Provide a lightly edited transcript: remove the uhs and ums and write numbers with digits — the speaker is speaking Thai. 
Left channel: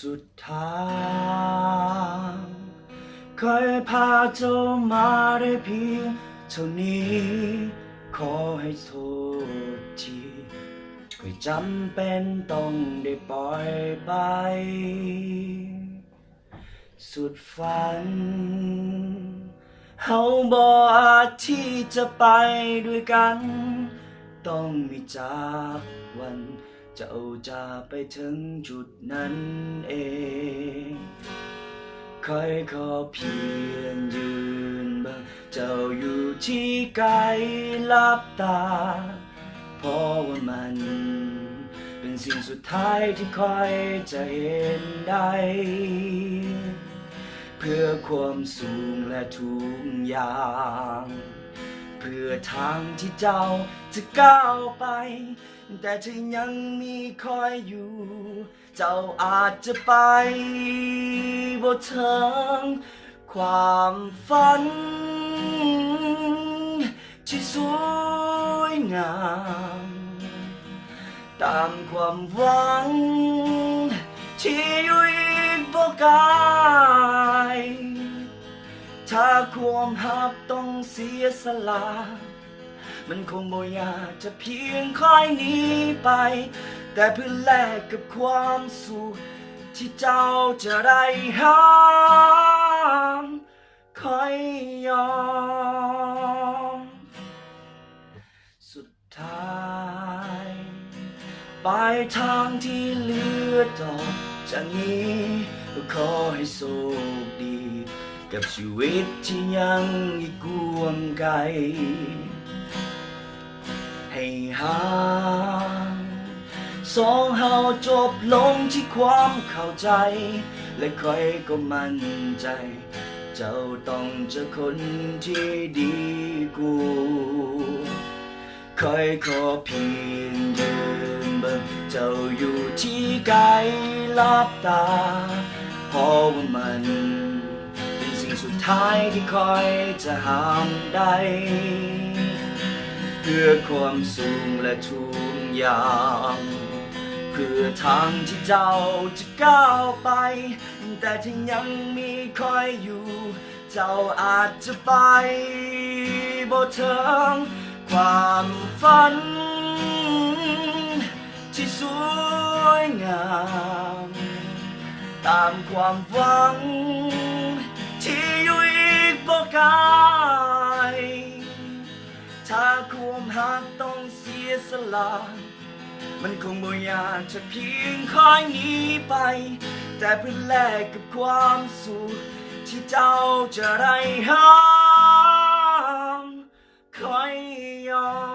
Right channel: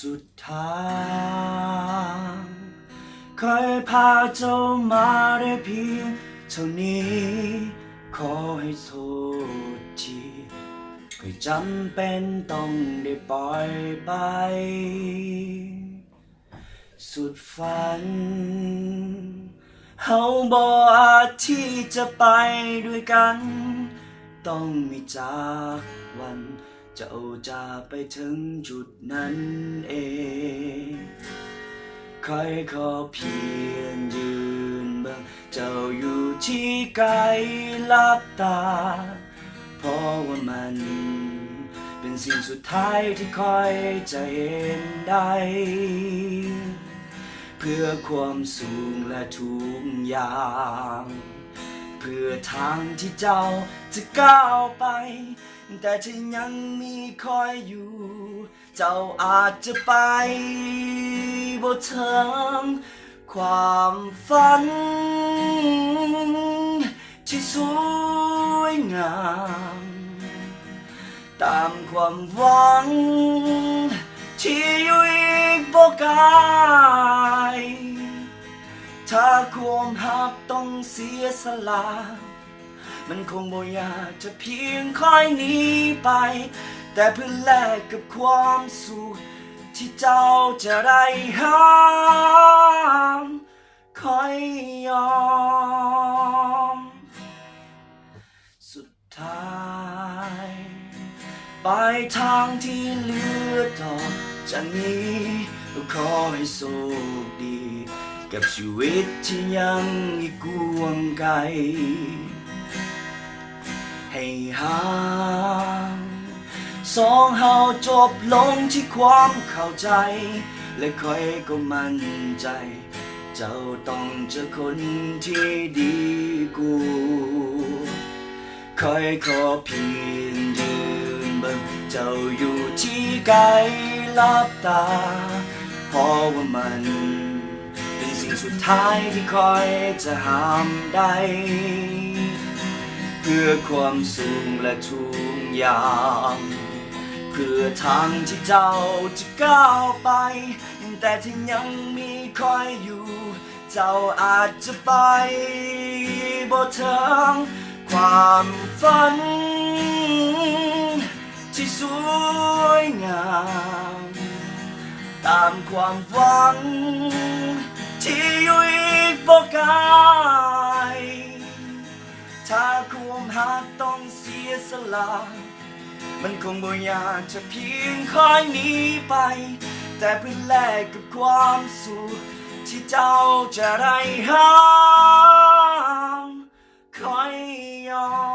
สุดทางเคยพาเจ้ามาได้เพียงเท่านี้ขอให้โทษทีเคยจำเป็นต้องได้ปล่อยไปสุดฝันเฮาบ่อาจที่จะไปด้วยกันต้องมีจากวันเจ้าจะไปถึงจุดนั้นเองคอยขอเพียงยืนเบิ่งเจ้าอยู่ที่ไกลลับตาเพราะว่ามันเป็นสิ่งสุดท้ายที่คอยจะเห็นได้เพื่อความสูงและทุกอย่างเพื่อทางที่เจ้าจะก้าวไปแต่ถ้ายังมีคอยอยู่เจ้าอาจจะไปบ่ถึงความฝันที่สวยงามตามความหวังที่อยู่อีกบ่ไกลถ้าความหักต้องเสียสละมันคงบ่อยากจะเพียงคอยหนีไปแต่เพื่อแลกกับความสุขที่เจ้าจะได้หาคอยยอมสุดท้ายปลายทางที่เหลือต่อจากนี้ก็ขอให้โชคดีกับชีวิตที่ยังอีกกวงไกลให้ห่างสองเฮาจบลงที่ความเข้าใจและคอยก็มั่นใจเจ้าต้องเจอคนที่ดีกูคอยขอเพียงยืนเบิ่งเจ้าอยู่ที่ไกลลับตาเพราะว่ามันเป็นสิ่งสุดท้ายที่คอยจะห้ามได้เพื่อความสูงและทุกอย่างเพื่อทางที่เจ้าจะก้าวไปแต่ถ้ายังมีคอยอยู่เจ้าอาจจะไปบ่ถึงความฝันที่สวยงามตามความหวังที่อยู่อีกบ่ไกลถ้าความหักต้องเสียสละมันคงบ่อยากจะเพียงคอยหนีไปแต่เพื่อแลกกับความสุขที่เจ้าจะได้หาคอยยอม